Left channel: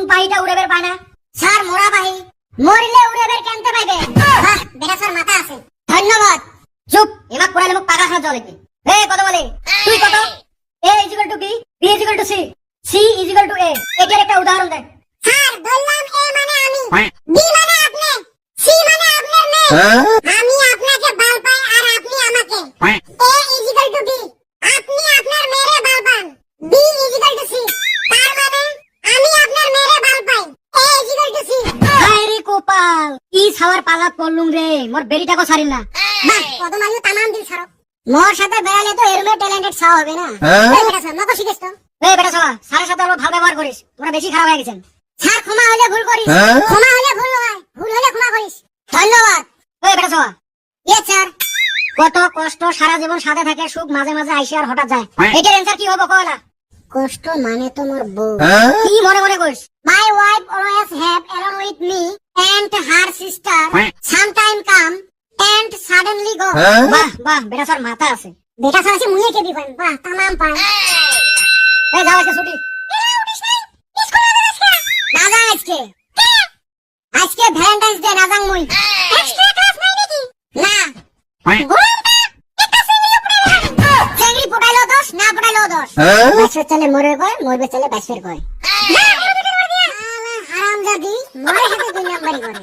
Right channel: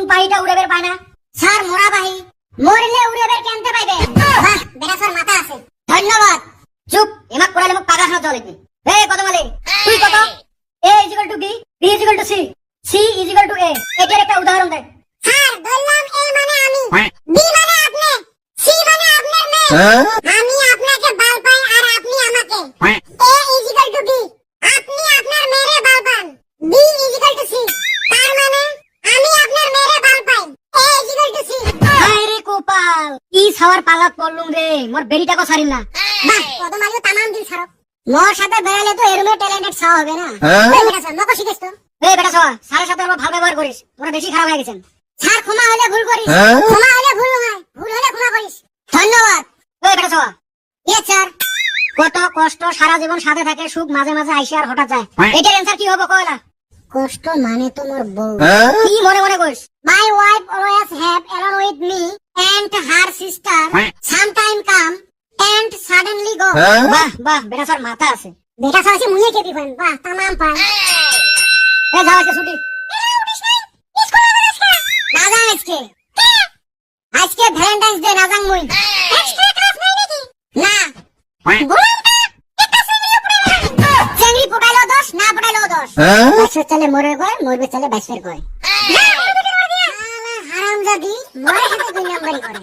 কোন পাহিটা উড়াবের পায় না? স্যার মরা পাহি মরলে উড়াবের কেনতে পাইবে? বাহ বেটা স্যার মাথা আছে। ধন্যবাদ। চুপ এমাক পড়ালে মুখ পাগলা শোনা চলে কি? হে কত বলে তুই কত? a = b b = c c = a এটার একটা উদাহরণ দে। স্যার বললাম a মানে আমি, b মানে আপনি, c মানে আপনার মেয়ে। আমি আপনাকে বাল পাই আর আপনি আমাকে। a = b আপনি আপনার মেয়েরে বাল পান। b = c তার মানে আমি আপনার মেয়েরে বাল পাই। a = c। আরে কোপাল কি ছাওয়ার পালাত পড়লুম রে, মোর বেরিটাকে ছাড়িল না। বাহ কদম আলিও তামাম দিল ছাড়ো। মোর সাথে বেড়ালে তো এরমে ট্যালেন্টেড ছাওয়া হবে না। এই বেটা স্যার মকো শিখিস তো। এই বেটা ছাওয়া স্যারের সাথে অল্প ভালো ব্যবহার করিস, তোরা বেশি খারাপ হয়ে গেছেন। স্যার ক্ষমা হলে ভুল করিস, ক্ষমা হলে ভুল নয়, ভুল হলে ক্ষমা করিস। ধন্যবাদ। এই বেটা ছাওয়া ইয়েস স্যার। কত কষ্ট সারা জীবন সাথে থাকে, সুখ মাঝে মাঝে আইসে আর হঠাৎ যায়। এটার অ্যানসার কি হবে কয়লা? কষ্ট মানে তোমার বউ। কি মনে মনে কইস? My wife always have along with me and her sister sometime come and suddenly go. বাহ বাহ বেটা স্যার মাথা আছে। বেটা স্যার আছে মুই কি দিবেন? বাহ तमाम পার। এই যাও আজকে ছুটি। উঠিস নাই স্কুলে না যা আজকে। আজকে ভ্যালেন্টাইন্স ডে না যাং মুই। এক্সট্রা ক্লাস নাই নাকি? না চেংড়ি পড়াইলো দোষ না পড়াইলো দোষ। বাইশের চালে মরবে কয়, মরবে চালে বাইশের কয়। হারামজাদি মরে হাতে দুই নাম্বারই করে।